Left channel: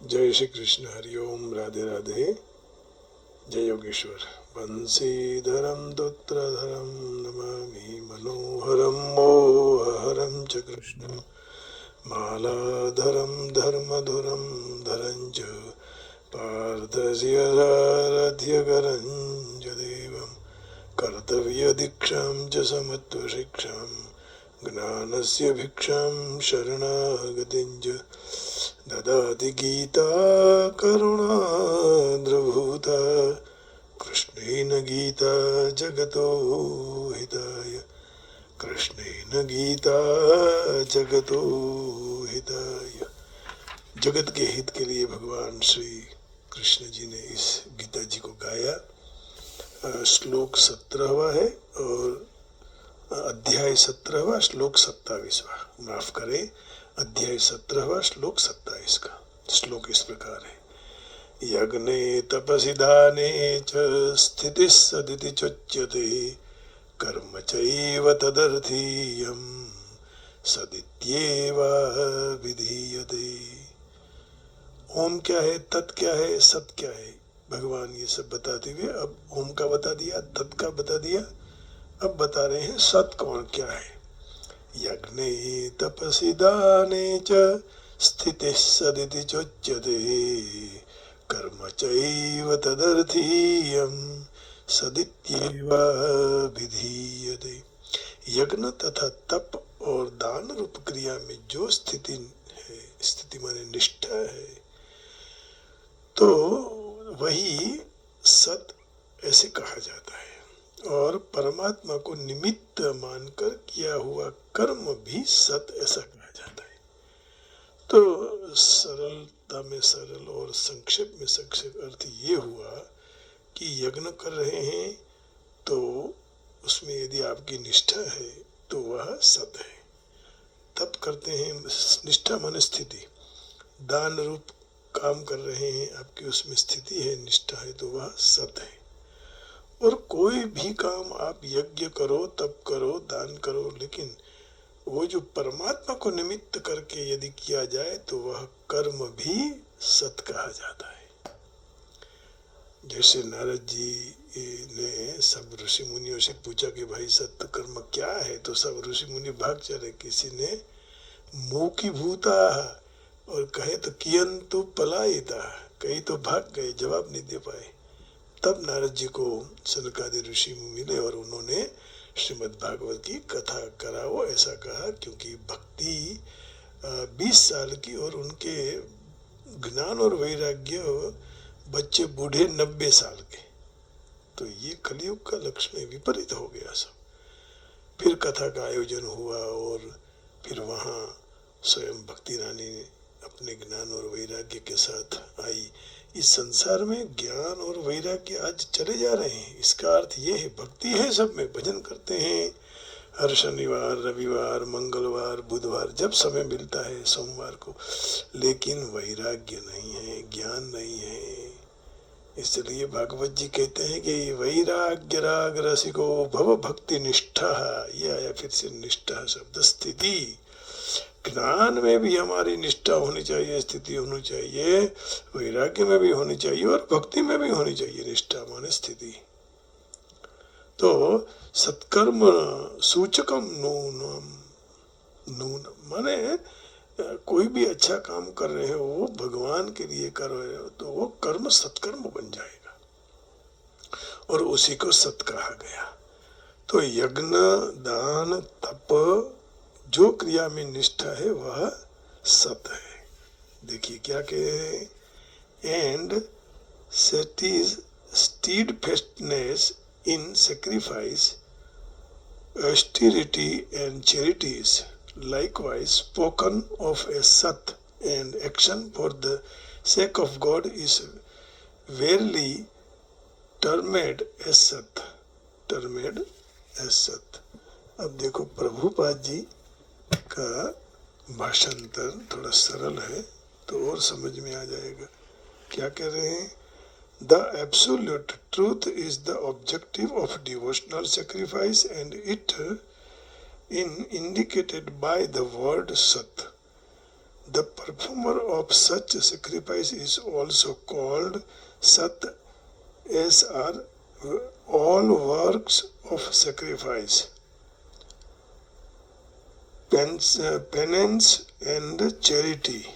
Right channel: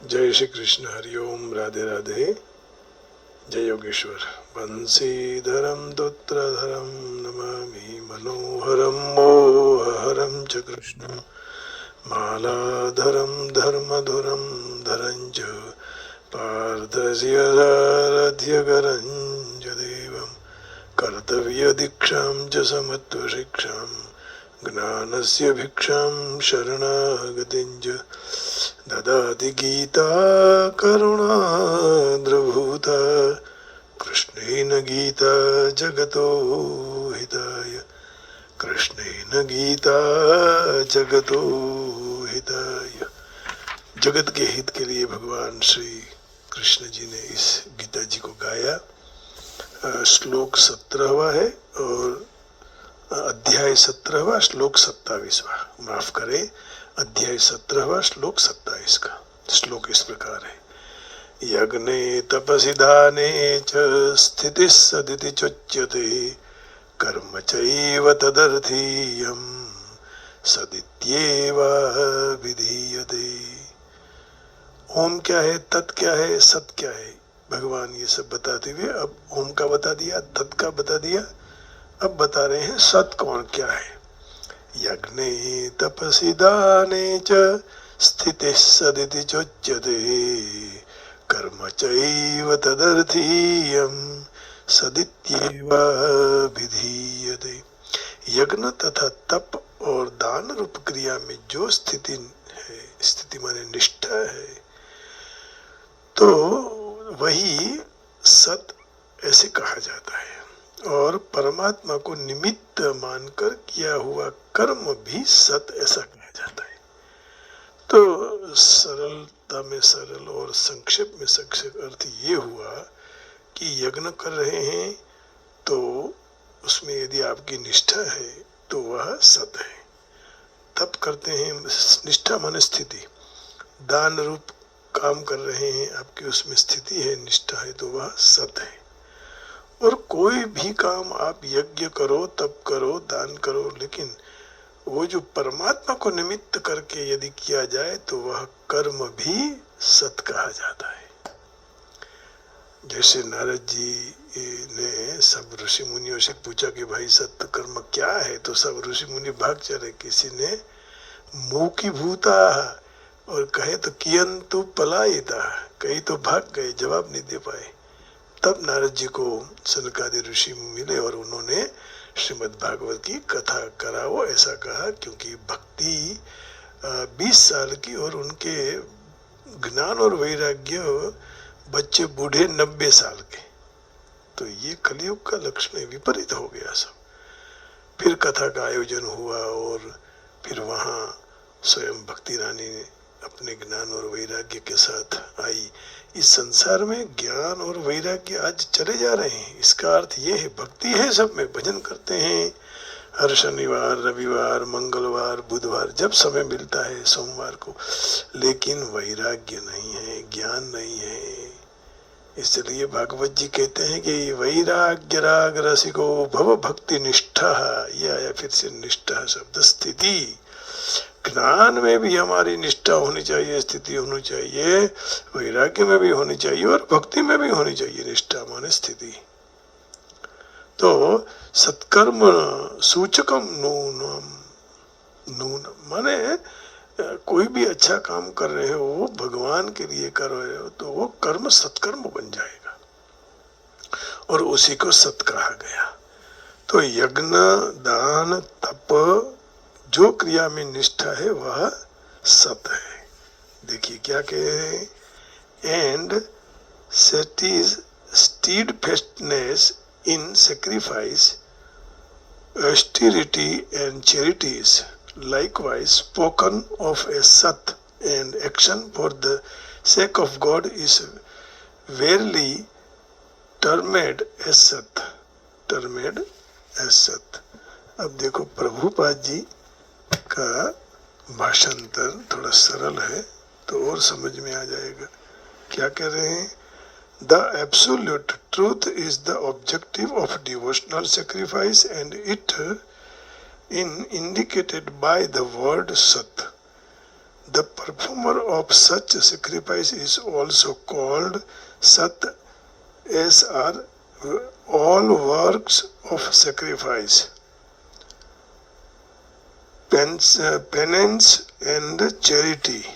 जय श्री कृष्ण, हरिओम, राधे राधे। जय योगेश्वर। बंसीधरम दुत्रधरम नमामि मनोहरम मोहहरम च कृष्णं मालाधरम धर्मधुरम धरं च पार्थस्य सारथ्यकरं च देवं कर्तव्यदीक्षां च समत्वशिक्षां ज्ञानस्य भिक्षां शरणागतिं च ददाति गीता करुणाद्रभूता कृष्णेन गीता जगतो हिताय कृष्णेन गीता जगतो हिताय। जगत के हित के लिए भगवान श्री कृष्ण जी ने इस गीता जी को गाया। श्लोक 17वां है और अध्याय 17वां, श्लोक 27वां, माफ करें, अध्याय 17वां, श्लोक 27 का। श्लोक इस प्रकार है। यज्ञे तपसि दाने च स्थितिः सदिति चोच्यते कर्म चैव तदर्थीयं सदित्येव विधीयते। ओम क्या है, तत् क्या है, सत क्या है, भगवान ये सब बताते हुए अब ओम का बता दिया, तत् का बता दिया, अब बता रहे हैं सत कौन क्या है। यज्ञे तपसि दाने च स्थितिः सदिति चोच्यते कर्म चैव तदर्थीयं सदित्येव विधीयते। यज्ञ तथा तप और दान रूप क्रिया में जो स्थिति है, स्थिति माने निष्ठा है, तो वही सत ऐसे कहा जाता है। और परमात्मा को निमित्त मानकर किया हुआ कर्म भी सत ऐसा कहा जाता है। तो सरलता में सरल और संक्षेप में संक्षेप अर्थ ये हुआ कि यज्ञ कर रहे हैं तो उसमें यदि आपकी निष्ठा है तो वह सत है। तप करते हैं, निष्ठा माने स्थिति। दान रूप काम कर रहे हैं, आपकी उसमें स्थिति है, निष्ठा है, तो वह सत है। और कोई भी काम आप यज्ञ करो, तप करो, दान करो, लेकिन वो जो परमात्मा को निमित्त करके यदि किया जाए तो वह कर्म भी सत कहा जाता है। जैसे नारद जी ने सब ऋषि मुनियों से पूछा कि भाई सत्य कर्म क्या है, तो सब ऋषि मुनि भाग चले। किसी ने मूकी भूता और कहे तो कियंतु पलायिता, कई तो भाग गए, जवाब नहीं दे पाए। तब नारद जी को सनकादि ऋषि मिले और उन्होंने श्रीमद् भागवत की कथा कराओ ऐसा कहा, क्योंकि भक्ति 20 साल की और उनके ज्ञान और वैराग्य बच्चे बूढ़े 90 साल के, तो ये कलयुग का लक्षण विपरीत हो गया सब। फिर कथा का आयोजन हुआ और फिर वहाँ स्वयं भक्ति रानी अपने ज्ञान और वैराग्य के साथ आई। इस संसार में ज्ञान और वैराग्य आज चले जा रहे हैं, इसका अर्थ ये है भक्ति है सब में, भजन करते हैं हर शनिवार, रविवार, मंगलवार, बुधवार, जब समय मिलता है, सोमवार को, लेकिन वैराग्य नहीं है, ज्ञान नहीं है। इसलिए भागवत जी कहते हैं कि वैराग्य राग रसिको भव भक्ति निष्ठा, ये आया फिर से निष्ठा शब्द, स्थिति। ज्ञान में भी हमारी निष्ठा होनी चाहिए, स्थिति होनी चाहिए, वैराग्य में भी होनी चाहिए और भक्ति में भी होनी चाहिए निष्ठा माने स्थिति। तो सत्कर्म सूचकम नूनम, नून माने कोई भी अच्छा काम कर रहे हो, भगवान के लिए कर रहे हो, तो वो कर्म सत्कर्म बन जाएगा और उसी को सत कहा गया। तो यज्ञ, दान, तप, जो क्रिया में निष्ठा है वह सत है। देखिए क्या कह रहे हैं, and steadfastness in sacrifice, austerity and charities, likewise spoken of as sat, and action for the sake of God is verily termed as sat, termed as sat। अब देखो प्रभुपाद जी का भाषांतर थोड़ा सरल है तो और समझ में आ जाएगा। क्या कह रहे हैं, the absolute truth is the objective of devotional sacrifice and it in indicated by the word सत। The performer of such sacrifice is also called Sat, as are all works of sacrifice, penance and charity,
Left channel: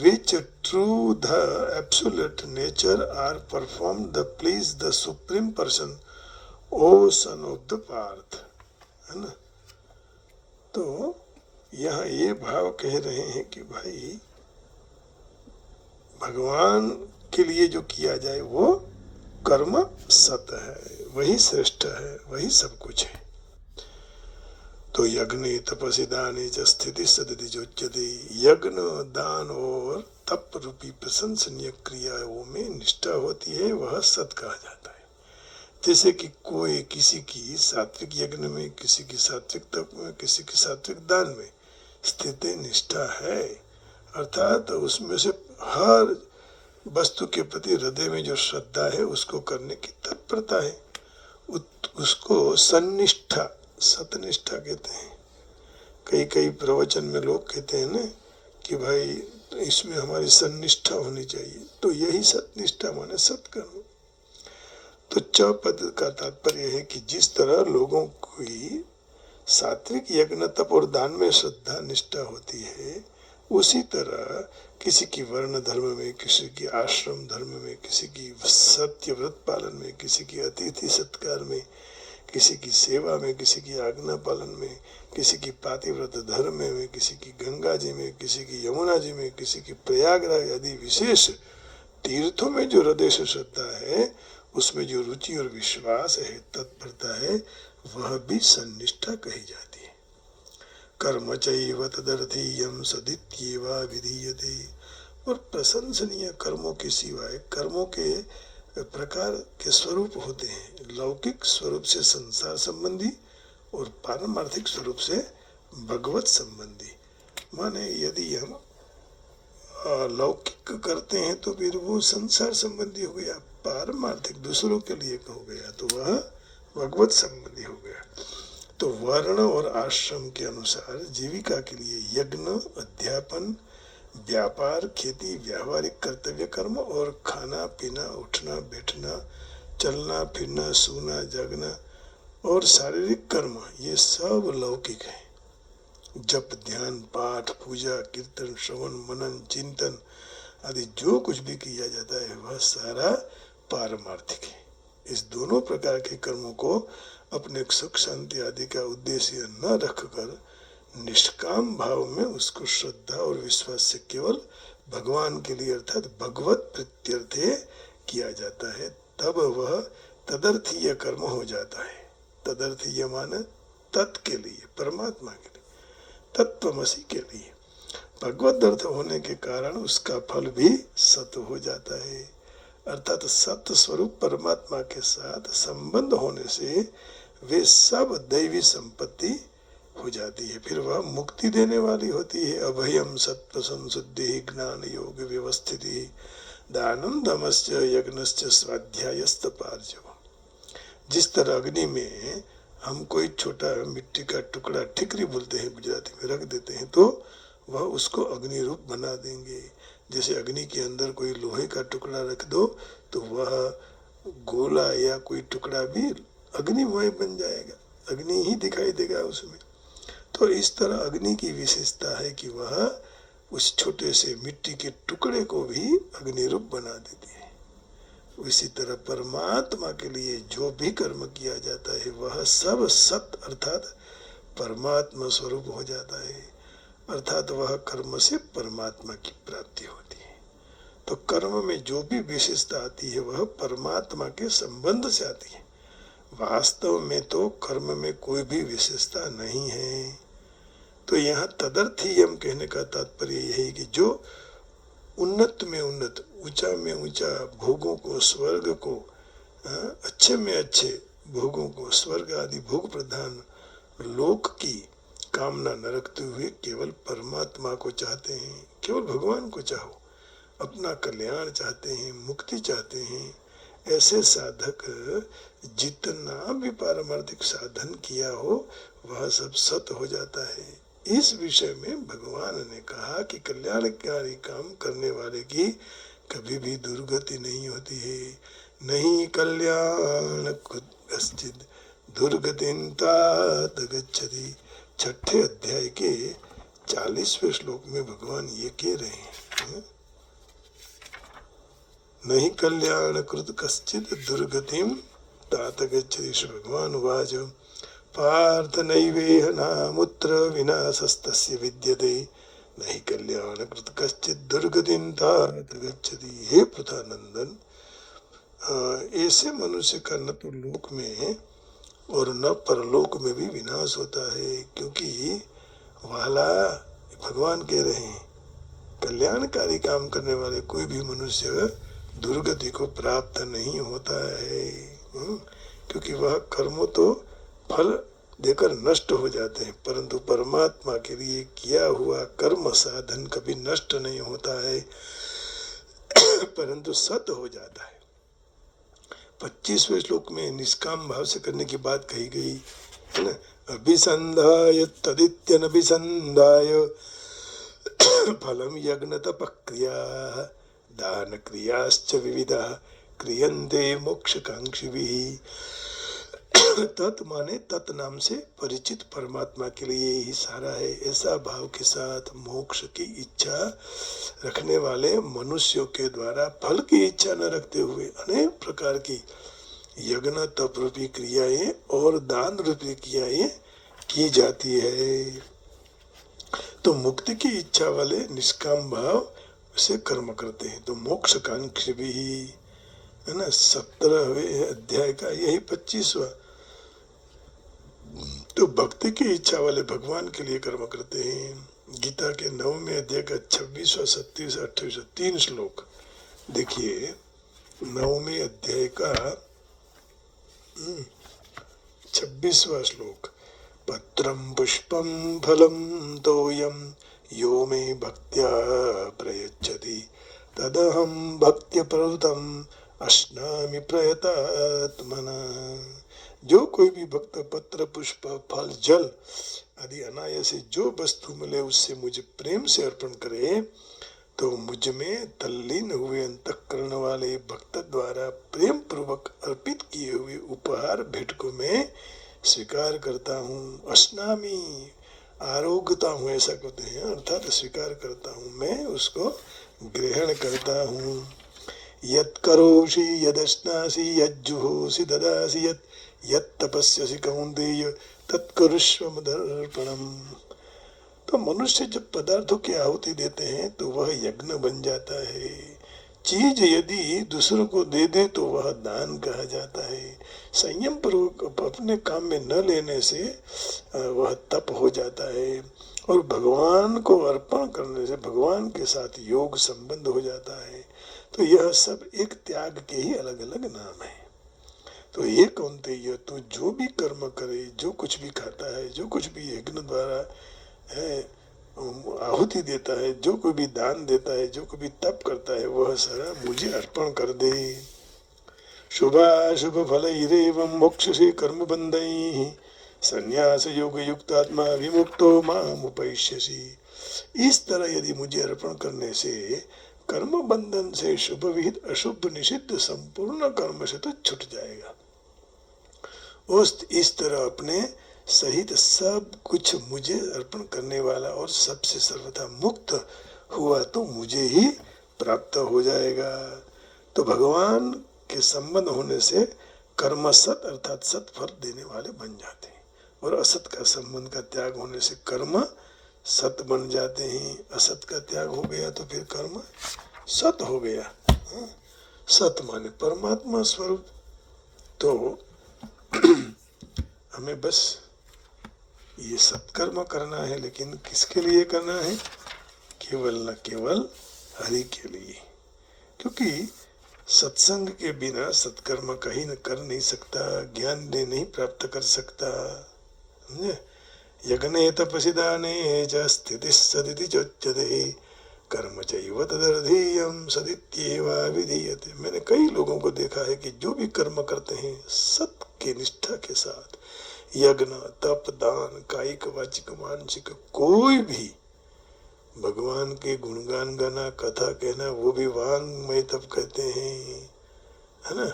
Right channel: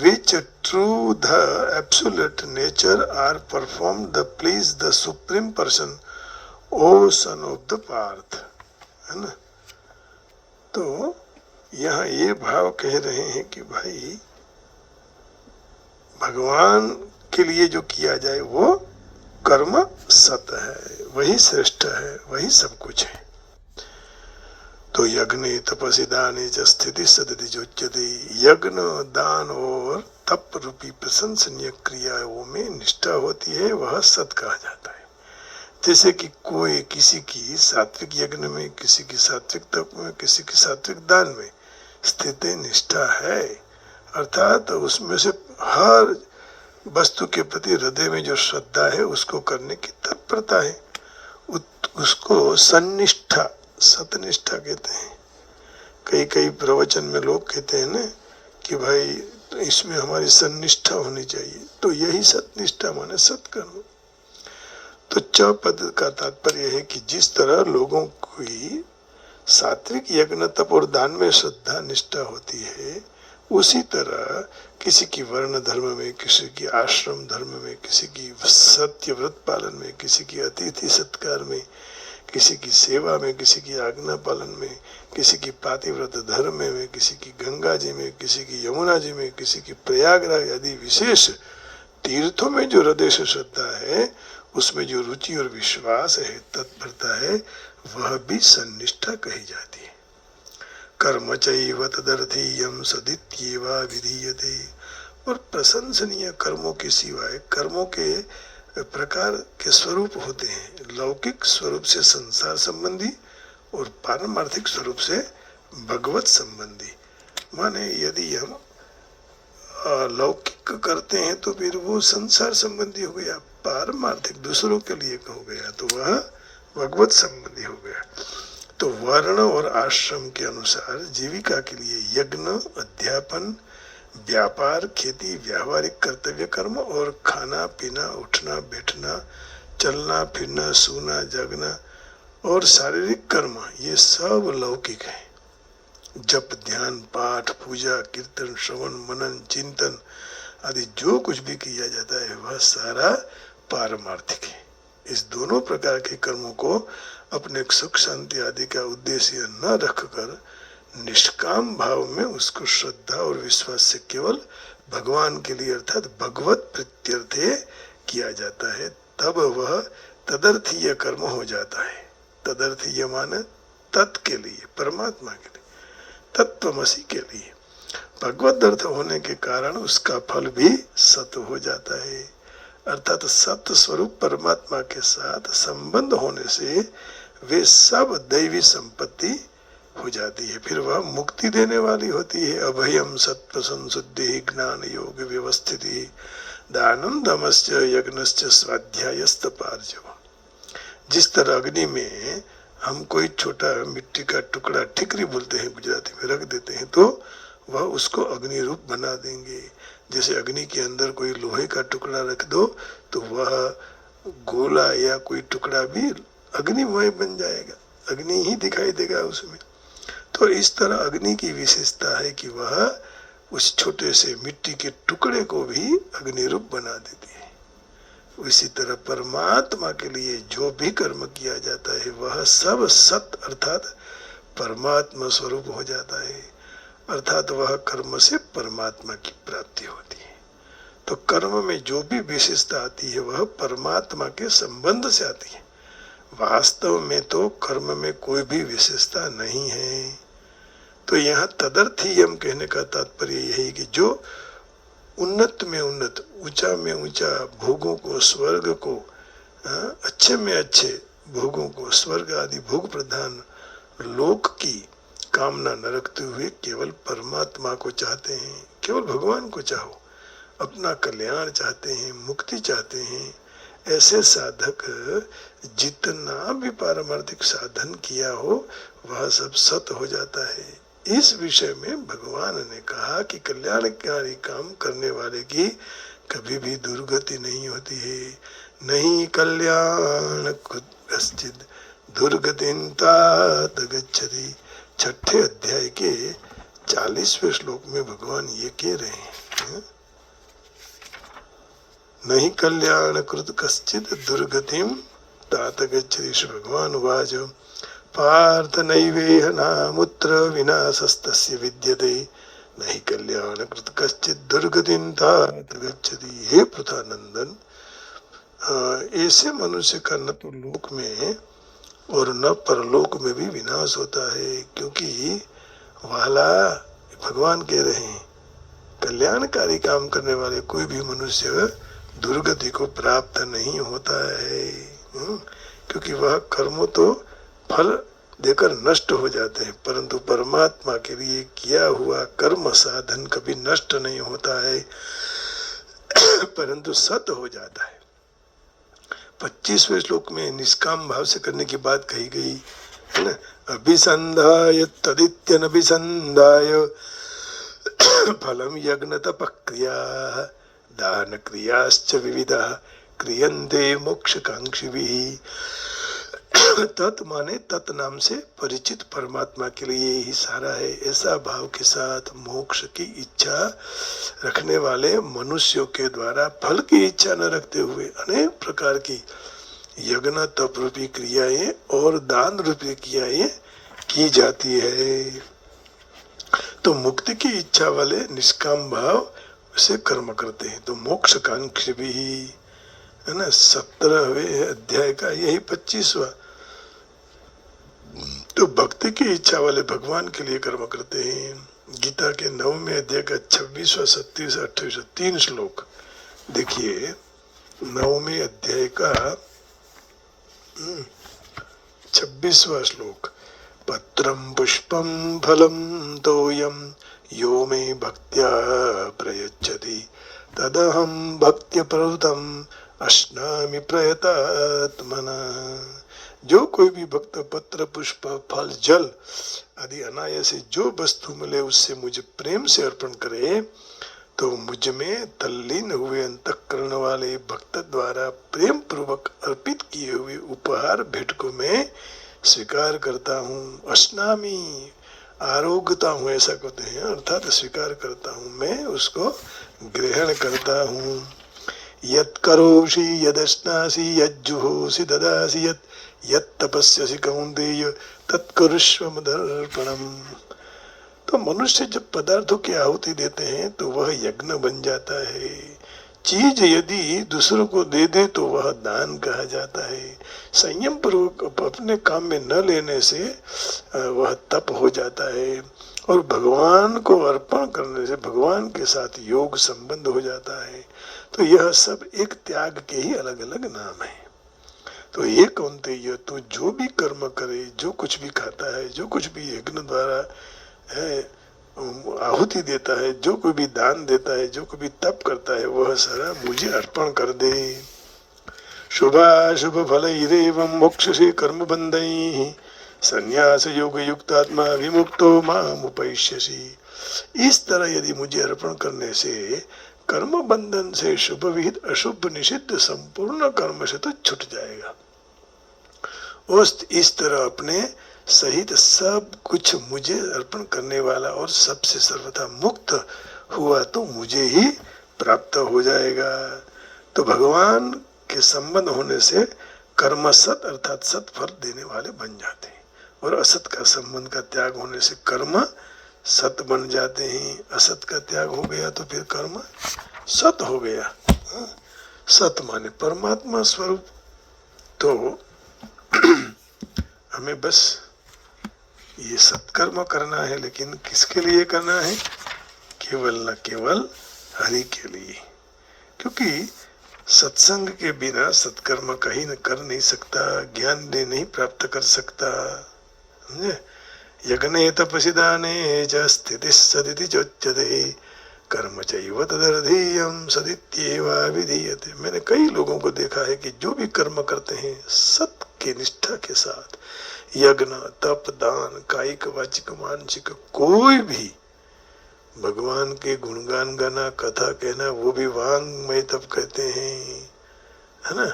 which through the absolute nature are performed to please the supreme person, O son of the Parth. है ना। तो यहाँ ये भाव कह रहे हैं कि भाई भगवान के लिए जो किया जाए वो कर्म सत है, वही श्रेष्ठ है, वही सब कुछ है। तो यज्ञ तपसी दाने च स्थिति सदति जोच्यते, यज्ञ दान और तप रूपी प्रशंसनीय क्रियाओं में निष्ठा होती है, वह सत कहा जाता है। जैसे कि कोई किसी की सात्विक यज्ञ में, किसी की सात्विक तप में, किसी की सात्विक दान में स्थिति निष्ठा है, अर्थात उसमें से हर वस्तु के प्रति हृदय में जो श्रद्धा है उसको करने की तत्परता है, उसको सन्निष्ठा, सतनिष्ठा कहते हैं। कई कई प्रवचन में लोग कहते हैं ना कि भाई तो इसमें हमारी सन्निष्ठा होनी चाहिए, तो यही सतनिष्ठा माने सत्कर्म। तो च पद का तात्पर्य है कि जिस तरह लोगों की सात्विक यज्ञ तप और दान में श्रद्धा निष्ठा होती है, उसी तरह किसी की वर्ण धर्म में, किसी की आश्रम धर्म में, किसी की सत्य व्रत पालन में, किसी की अतिथि सत्कार में, किसी की सेवा में, किसी की आज्ञा पालन में, किसी की पातिव्रत धर्म में, किसी की गंगा जी में, किसी की यमुना जी में, किसी की प्रयागराज आदि विशेष तीर्थों में जो हृदय से श्रद्धा है, उसमें जो रुचि और विश्वास है, तत्परता है, वह भी सन्निष्ठा कही जाती है। कर्म चैव तदर्थीयम सदित्येवा विधीयते। और प्रशंसनीय कर्मों के सिवाय कर्मों के प्रकार के स्वरूप होते हैं, लौकिक स्वरूप से संसार संबंधी और पारमार्थिक स्वरूप से भगवत संबंधी। माने यदि हम लौकिक करते हैं तो फिर वो संसार संबंधी हो गया, पारमार्थिक दूसरों के लिए हो गया तो वह भगवत संबंधी हो गया। तो वर्ण और आश्रम के अनुसार जीविका के लिए यज्ञ, अध्यापन, व्यापार, खेती, व्यावहारिक कर्तव्य कर्म और खाना पीना, उठना बैठना, चलना फिरना, सोना जागना और शारीरिक कर्म, ये सब लौकिक है। जप, ध्यान, पाठ, पूजा, कीर्तन, श्रवण, मनन, चिंतन आदि जो कुछ भी किया जाता है वह सारा पारमार्थिक है। इस दोनों प्रकार के कर्मों को अपने सुख शांति आदि का उद्देश्य न रखकर निष्काम भाव में उसको श्रद्धा और विश्वास से केवल भगवान के लिए अर्थात भगवत प्रीत्यर्थे किया जाता है, तब वह तदर्थीय कर्म हो जाता है। तदर्थीय माने तत् के लिए, परमात्मा के लिए, तत्वमसि के लिए। भगवत अर्थ होने के कारण उसका फल भी सत हो जाता है, अर्थात सत्य स्वरूप परमात्मा के साथ संबंध होने से वे सब दैवी संपत्ति हो जाती है, फिर वह मुक्ति देने वाली होती है। अभयम सत्व संशुद्धि ज्ञान योग व्यवस्थिति दानम दमश्च यज्ञश्च स्वाध्यायस्त पार्जव। जिस तरह अग्नि में हम कोई छोटा मिट्टी का टुकड़ा, ठिकरी बोलते हैं गुजराती में, रख देते हैं तो वह उसको अग्नि रूप बना देंगे। जैसे अग्नि के अंदर कोई लोहे का टुकड़ा रख दो तो वह गोला या कोई टुकड़ा भी अग्निमय बन जाएगा, अग्नि ही दिखाई देगा उसमें। तो इस तरह अग्नि की विशेषता है कि वह उस छोटे से मिट्टी के टुकड़े को भी अग्नि रूप बना देती है। इसी तरह परमात्मा के लिए जो भी कर्म किया जाता है वह सब सत अर्थात परमात्मा स्वरूप हो जाता है, अर्थात वह कर्म से परमात्मा की प्राप्ति होती है। तो कर्म में जो भी विशेषता आती है वह परमात्मा के संबंध से आती है। वास्तव में तो कर्म में कोई भी विशेषता नहीं है। तो यहाँ तदर्थीयम कहने का तात्पर्य यही कि जो उन्नत में उन्नत, ऊंचा में ऊंचा भोगों को, स्वर्ग को, अच्छे में अच्छे भोगों को, स्वर्ग आदि भोग प्रधान लोक की कामना न रखते हुए केवल परमात्मा को चाहते हैं, केवल भगवान को चाहो, अपना कल्याण चाहते हैं, मुक्ति चाहते हैं, ऐसे साधक जितना भी पारमार्थिक साधन किया हो वह सब सत हो जाता है। इस विषय में भगवान ने कहा कि कल्याणकारी काम करने वाले की कभी भी दुर्गति नहीं होती है। नहीं कल्याण कश्चित् दुर्गतिं तात गच्छति। छठे अध्याय के 40वें श्लोक में भगवान ये कह रहे हैं, नहीं कल्याण कृत कश्चित् दुर्गतिं तात गच्छति। श्री भगवान उवाच पार्थ नैवेह नामुत्र विनाशस्तस्य विद्यते नहीं कल्याण कृत कश्चित् दुर्गतिं तात गच्छति। हे पृथानंदन, ऐसे मनुष्य का न तो लोक में और न परलोक में भी विनाश होता है, क्योंकि वाला भगवान कह रहे हैं कल्याणकारी काम करने वाले कोई भी मनुष्य दुर्गति को प्राप्त नहीं होता है, क्योंकि वह कर्मों तो फल देकर नष्ट हो जाते हैं, परंतु परमात्मा के लिए किया हुआ कर्म साधन कभी नष्ट नहीं होता है परंतु सत हो जाता है। 25वें श्लोक में निष्काम भाव से करने की बात कही गई है ना। अभिसंधाय तदित्यनभिसंधाय फलम यज्ञ तपक्रिया दान क्रियाश्च विविधा क्रियन्ते मोक्षकांक्षिभिः। तत् माने तत् नाम से परिचित परमात्मा के लिए ही सारा है, ऐसा भाव के साथ मोक्ष की इच्छा रखने वाले मनुष्यों के द्वारा फल की इच्छा न रखते हुए अनेक प्रकार की यज्ञ तप रूपी क्रियाएं और दान रूपी क्रियाएं की जाती है। तो मुक्ति की इच्छा वाले निष्काम भाव से कर्म करते हैं। तो मोक्ष कांक्षी भी है ना। 17वें अध्याय का यही 25वां। तो भक्ति की इच्छा वाले भगवान के लिए कर्म करते हैं। गीता के 9वें अध्याय का 26वां 27वां 28वां 3 श्लोक देखिए। 9वें अध्याय का 26वां श्लोक, पत्रम पुष्पम फलम तोयम यो मे भक्त्या प्रयच्छति तदहं भक्त्या प्रवृत्तम अश्नामि प्रयतात्मना। जो कोई भी भक्त पत्र पुष्प फल जल आदि अनायास से जो वस्तु मिले उससे मुझे प्रेम से अर्पण करे, तो मुझ में तल्लीन हुए अंतःकरण वाले भक्त द्वारा प्रेम पूर्वक अर्पित किए हुए उपहार भेंट को मैं स्वीकार करता हूँ। अश्नामी आरोग्यता हूँ ऐसा कहते हैं, अर्थात स्वीकार करता हूँ, मैं उसको ग्रहण करता हूँ। यत् करोषि यदश्नासि यज्जुहोसि ददासि यत् तपस्यसि कौन्तेय तत्कुरुष्व मदर्पणम्। तो मनुष्य जब पदार्थों की आहुति देते हैं तो वह यज्ञ बन जाता है। चीज यदि दूसरों को दे दे तो वह दान कहा जाता है। संयम पूर्वक अपने काम में न लेने से वह तप हो जाता है, और भगवान को अर्पण करने से भगवान के साथ योग संबंध हो जाता है। तो यह सब एक त्याग के ही अलग अलग नाम है। तो ये कौन्तेय, तो जो भी कर्म करे, जो कुछ भी खाता है, जो कुछ भी यज्ञ द्वारा है आहुति देता है, जो कोई भी दान देता है, जो कोई भी तप करता है, वह सारा मुझे अर्पण कर दे। शुभाशुभ फलैरेवं मोक्षसे कर्म बंधैः संन्यास योग युक्तात्मा विमुक्तो माम उपैष्यसि। इस तरह यदि मुझे अर्पण करने से कर्म बंधन से शुभ विहित अशुभ निषिद्ध संपूर्ण कर्म से तो छूट जाएगा। इस तरह अपने सहित सब कुछ मुझे अर्पण करने वाला और सबसे सर्वथा मुक्त हुआ तो मुझे ही प्राप्त हो जाएगा। तो भगवान के संबंध होने से कर्म सत अर्थात सत फल देने वाले बन जाते हैं, और असत का संबंध का त्याग होने से कर्म सत बन जाते हैं। असत का त्याग हो गया तो फिर कर्म सत हो गया। सत माने परमात्मा स्वरूप। तो हमें बस ये सत्कर्म करना है, लेकिन किसके लिए करना है? केवल न केवल हरि के लिए, क्योंकि सत्संग के बिना सत्कर्म कहीं न कर नहीं सकता, ज्ञान दे नहीं प्राप्त कर सकता। समझे? यज्ञे तपसि दाने च स्थितिः सदिति चोच्यते कर्म चैव तदर्थीयं सदित्येव विधीयते। मैंने कई लोगों को देखा है कि जो भी कर्म करते हैं सत्य के निष्ठा के साथ, यज्ञ, तप, दान, कायिक, वाचिक, मानसिक, कोई भी भगवान के गुणगान गाना, कथा कहना, वो भी वांग्मय तप कहते हैं, है ना।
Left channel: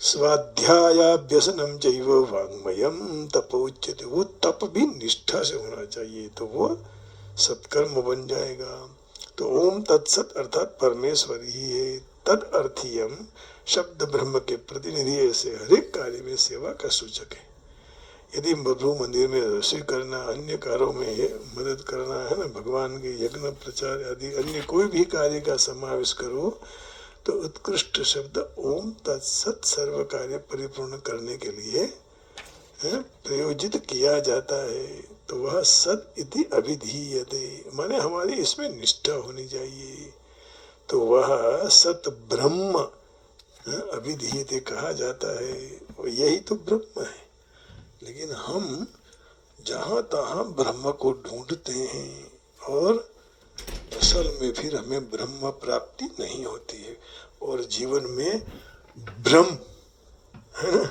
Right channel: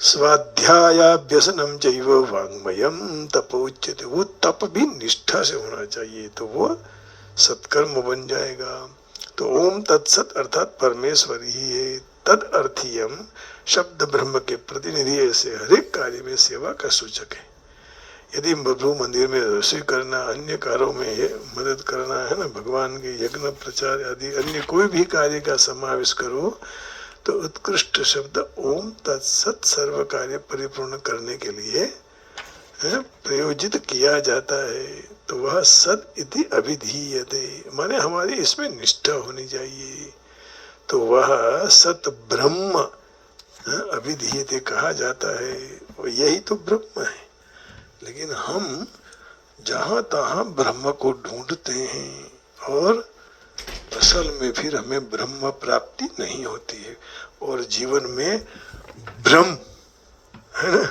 स्वाध्यायाभ्यसनम चैव वांग्मयम तपोच्यते, वो तप भी निष्ठा से होना चाहिए, तो वो सत्कर्म बन जाएगा। तो ओम तत्सत अर्थात परमेश्वर ही है। तद अर्थीयम शब्द ब्रह्म के प्रतिनिधि ऐसे हर एक कार्य में सेवा का सूचक है। यदि प्रभु मंदिर में रसोई करना, अन्य कार्यों में मदद करना, है ना, भगवान के यज्ञ, प्रचार आदि अन्य कोई भी कार्य का समावेश करो, तो उत्कृष्ट शब्द ओम तत्सत सर्व कार्य परिपूर्ण करने के लिए प्रयोजित किया जाता है। तो वह सत इति अभिधीयते, माने हमारी इसमें निष्ठा होनी चाहिए। तो वह सत ब्रह्म अभिधीयते कहा जाता है, यही तो ब्रह्म है। लेकिन हम जहाँ तहाँ ब्रह्म को ढूंढते हैं और असल में फिर हमें ब्रह्म प्राप्ति नहीं होती है, और जीवन में भ्रम, है ना,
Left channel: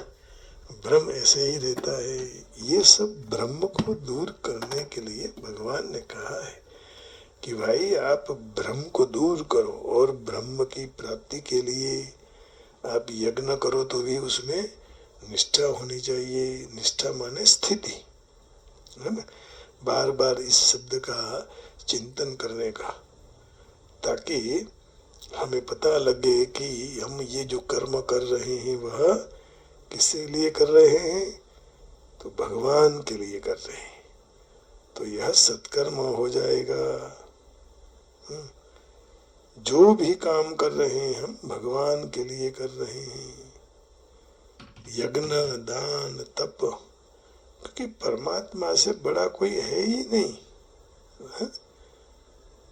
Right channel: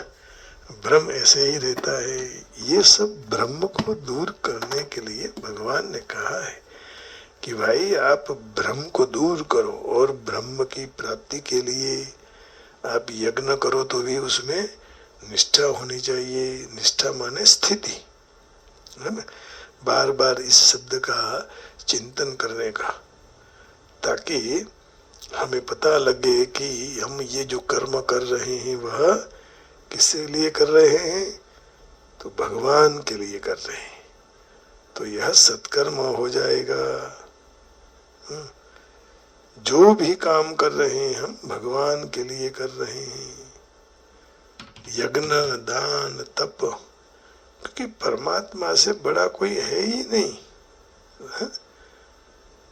भ्रम ऐसे ही रहता है। ये सब भ्रम को दूर करने के लिए भगवान ने कहा है कि भाई आप भ्रम को दूर करो, और ब्रह्म की प्राप्ति के लिए आप यज्ञ करो तो भी उसमें निष्ठा होनी चाहिए। निष्ठा माने स्थिति, है ना, बार बार इस शब्द का चिंतन करने का, ताकि हमें पता लगे कि हम ये जो कर्म कर रहे हैं वह किसके लिए कर रहे हैं, तो भगवान के लिए कर रहे हैं, तो यह सत्कर्म हो जाएगा। जो भी काम कर रहे हैं हम भगवान के लिए कर रहे हैं, यज्ञ, दान, तप, क्योंकि परमात्मा से बड़ा कोई है ही नहीं, है?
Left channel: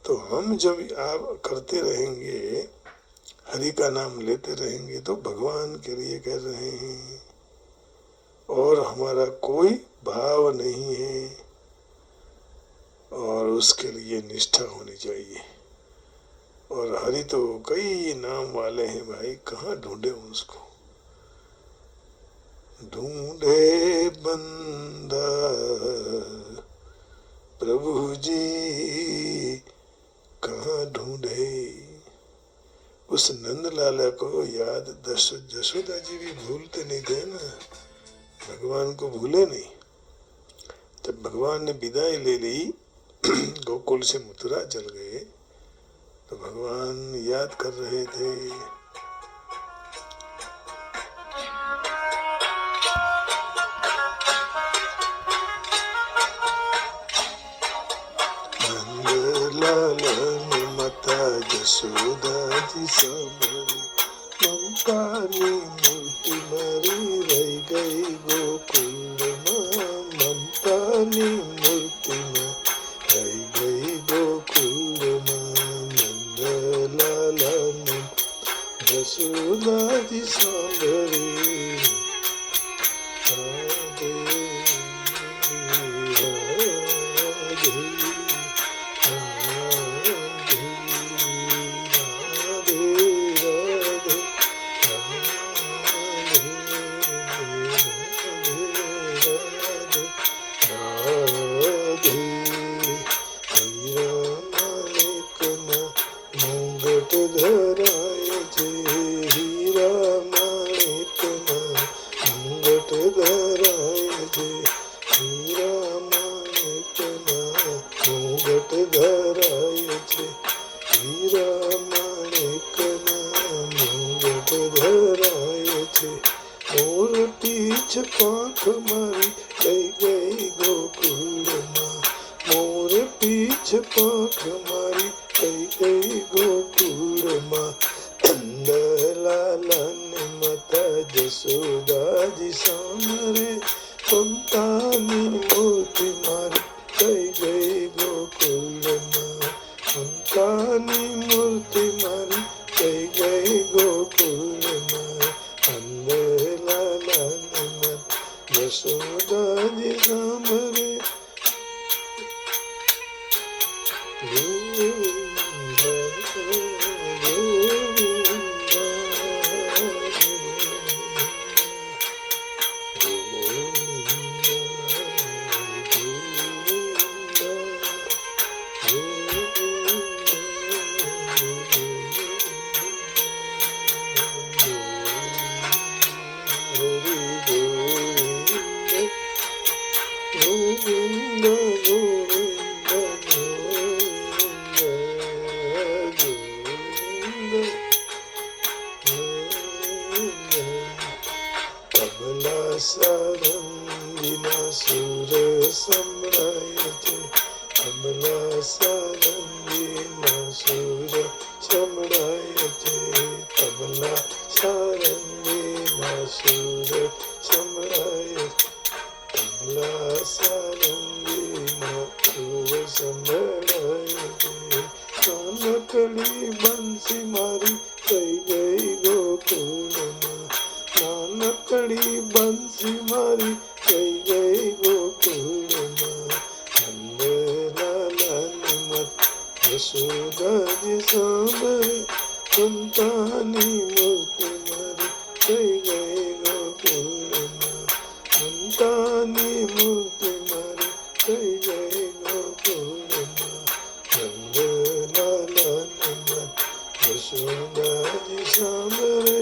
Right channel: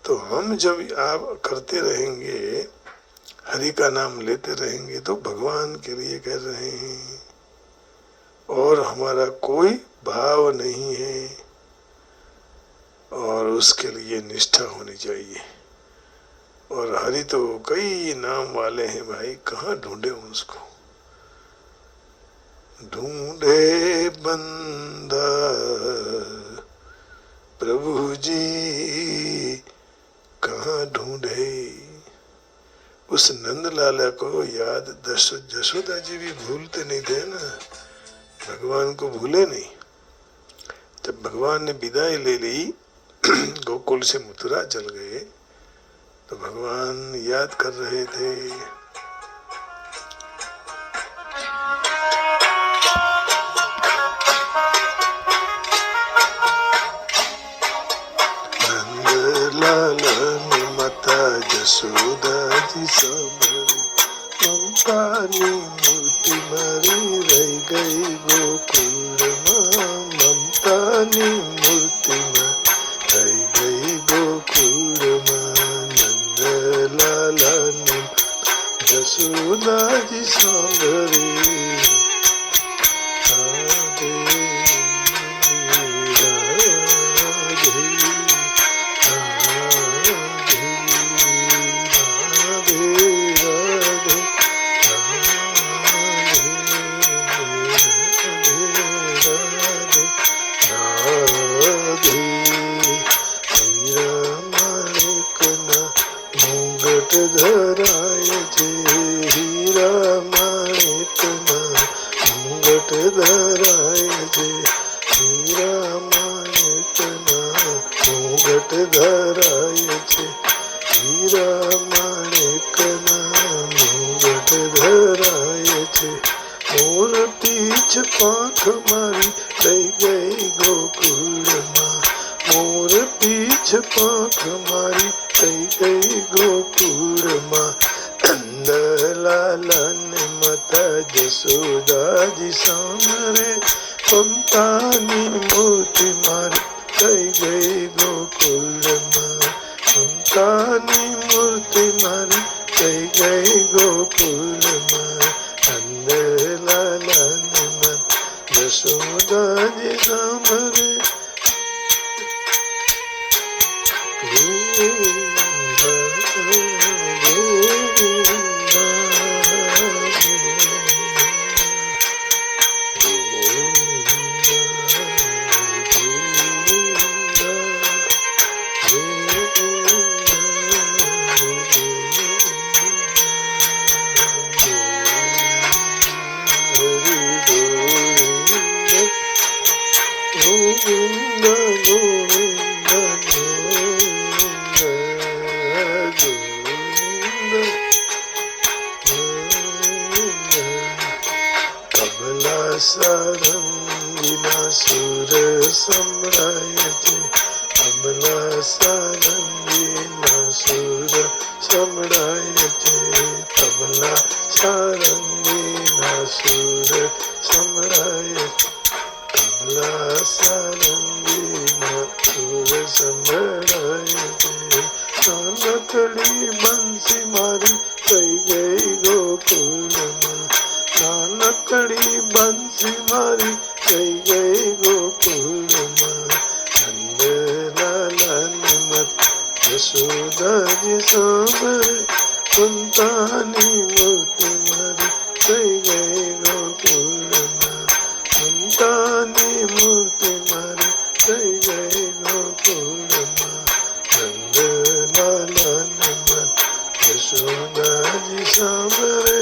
तो हम जब आप करते रहेंगे, हरि का नाम लेते रहेंगे, तो भगवान के लिए कर रहे हैं, और हमारा कोई भाव नहीं है, और उसके लिए निष्ठा होनी चाहिए। और हरि तो कई नाम वाले हैं भाई, कहाँ ढूंढे उसको, ढूंढे बंदा प्रभु जी कहाँ ढूंढे। उस नंदलाला को याद जशोदा जी भी भूलते नहीं थे ना, भगवान को भूले नहीं। जब भगवान ने विदाई ले ली, गोकुल से मथुरा चल गए, तो भगवान याद कर रहे थे। नंदलाला माता जसोदा जी संभरी, ममता नी मूर्ति मरी रह गई गोकुल माँ, ममता नी मूर्ति में रह गई गोकुल माँ। नंदलाला ने जसोदा जी संभरी, राधे धराय जे, हीरा माणिक ना मुंगट धराय जे, हीरा माणिक ना मुंगट धराय जे, हीरा माणिक ना मुंगट धराय जे। मोर पीछ पाख मारी रह गई गोकुल माँ, मोर पीछ पाख मारी रह गई गोकुल माँ। नंदलाला ने माता जसोदा जी सामरे, ममता नी मूर्ति मारी रह गई गोकुल माँ, ममता नी मूर्ति मारी रह गई गोकुल माँ। नंदलाला ने माता जसोदा जी सामरे, નાનકડી બંસી મારી થઈ ગઈ ગોકુળમાં, નાનકડી બંસી મારી થઈ ગઈ ગોકુળમાં. નંદલાલાની મત યશોદાજી સાંભળે, મમતાની મૂર્તિ મારી થઈ ગઈ ગોકુળમાં, મમતાની મૂર્તિ મારી થઈ ગઈ ગોકુળમાં. નંદલાલાની મત યશોદાજી સાંભળે,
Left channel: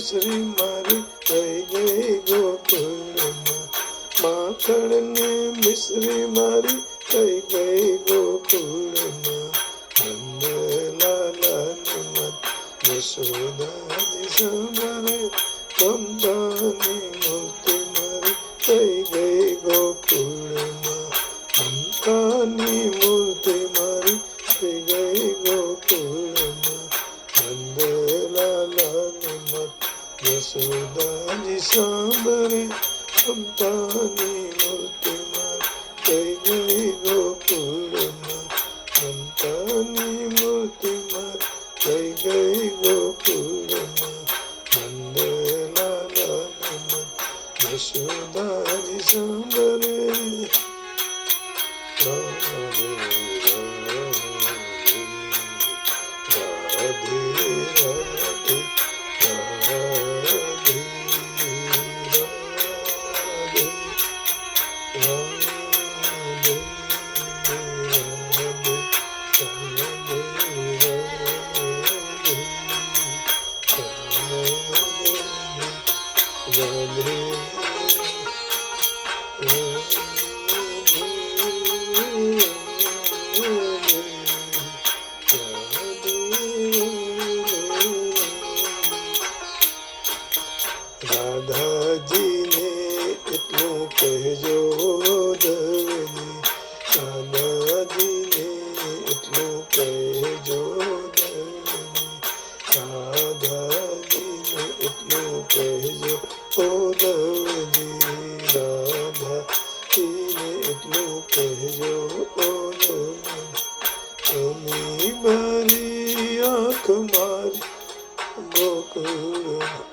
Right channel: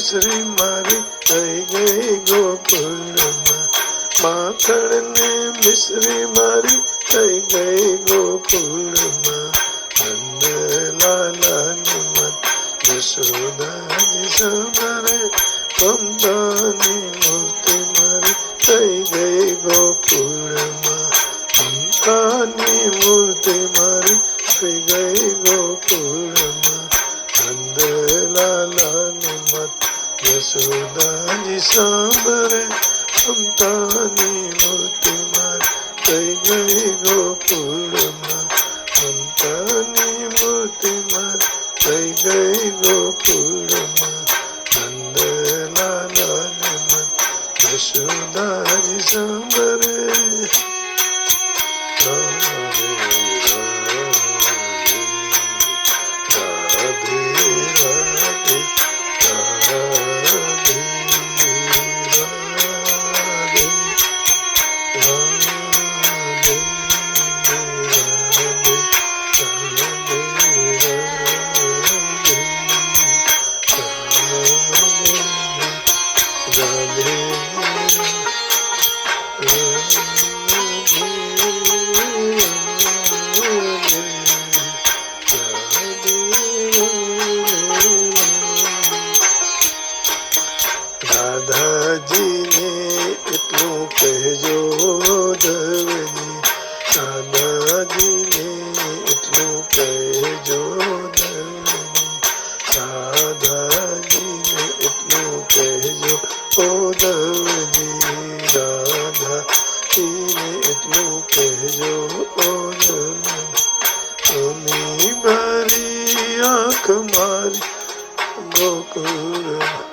મિશ્રી મારી થઈ ગઈ ગોકુળમાં, માખણ ને મિશ્રી મારી થઈ ગઈ ગોકુળમાં. નંદલાલાની મત યશોદાજી સાંભળે, મમતાની મૂર્તિ મારી થઈ ગઈ ગોકુળમાં, મમતાની મૂર્તિ મારી થઈ ગઈ ગોકુળમાં. નંદલાલાની મત યશોદાજી સાંભળે, મમતાની મૂર્તિ મારી થઈ ગઈ ગોકુળમાં, મમતાની મૂર્તિ મારી થઈ ગઈ ગોકુળમાં. નંદલાલાની મત યશોદાજી સાંભળે. રાધે રાધે રાધે રાધે રાધાજીને એટલું કહેજો દવજી, રાધાજીને એટલું કહેજો દવજી, રાધાજીને એટલું કહેજો ઓ દવજી, રાધાજીને એટલું કહેજો ઓ દવજી. અમી ભરી આંખ મારી ગોકુળમાં,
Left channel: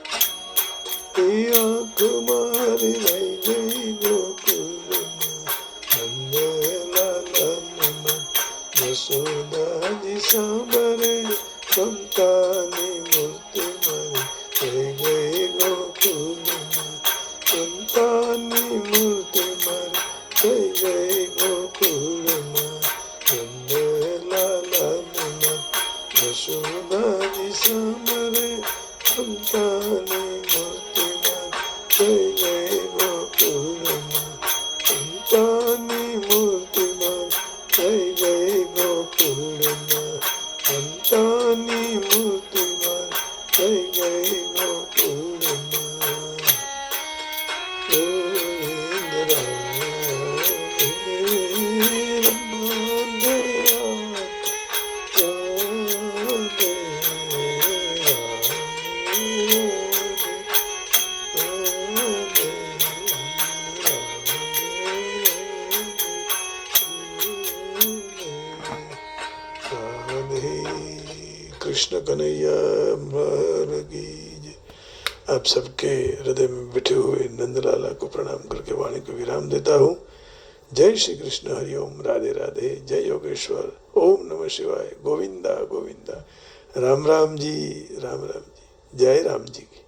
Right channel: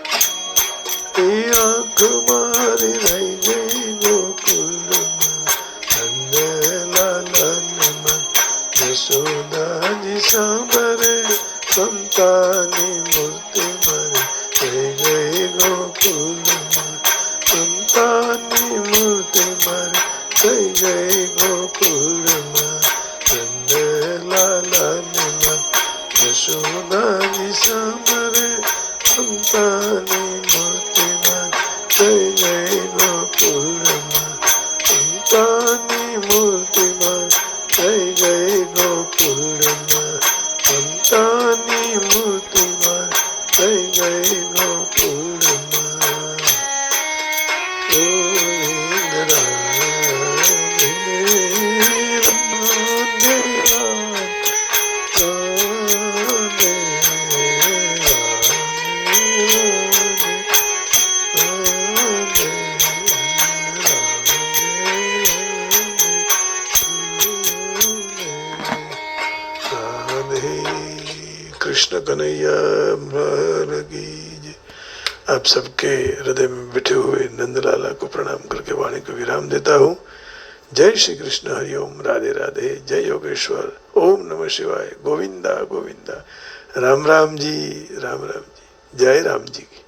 આંખ મારી રહી ગઈ ગોકુળમાં. નંદલાલાની મત યશોદાજી સાંભળે, મમતાની મૂર્તિ મારી થઈ ગઈ ગોકુળમાં, મમતાની મૂર્તિ મારી થઈ ગઈ ગોકુળમાં. નંદલાલાની મત યશોદાજી સાંભળે, મમતાની મૂર્તિ થઈ ગઈ ગોકુળમાં, મમતાની મૂર્તિ થઈ ગઈ ગોકુળમાં, મમતાની મૂર્તિ થઈ ગઈ ગોકુળમાં. ગોવિંદ રાધે રાધે રાધે कृष्ण कन्हैया लाल की जय। आप सबके हृदय में बैठे हुए नंदलाला को प्रणाम करके वाणी को विराम देता हूँ। जय श्री कृष्ण, हरिओम, राधे राधे, जय योगेश्वर, ओम नमः शिवाय, गोविंदा गोविंदा, राम राम जी, जय राम जी की।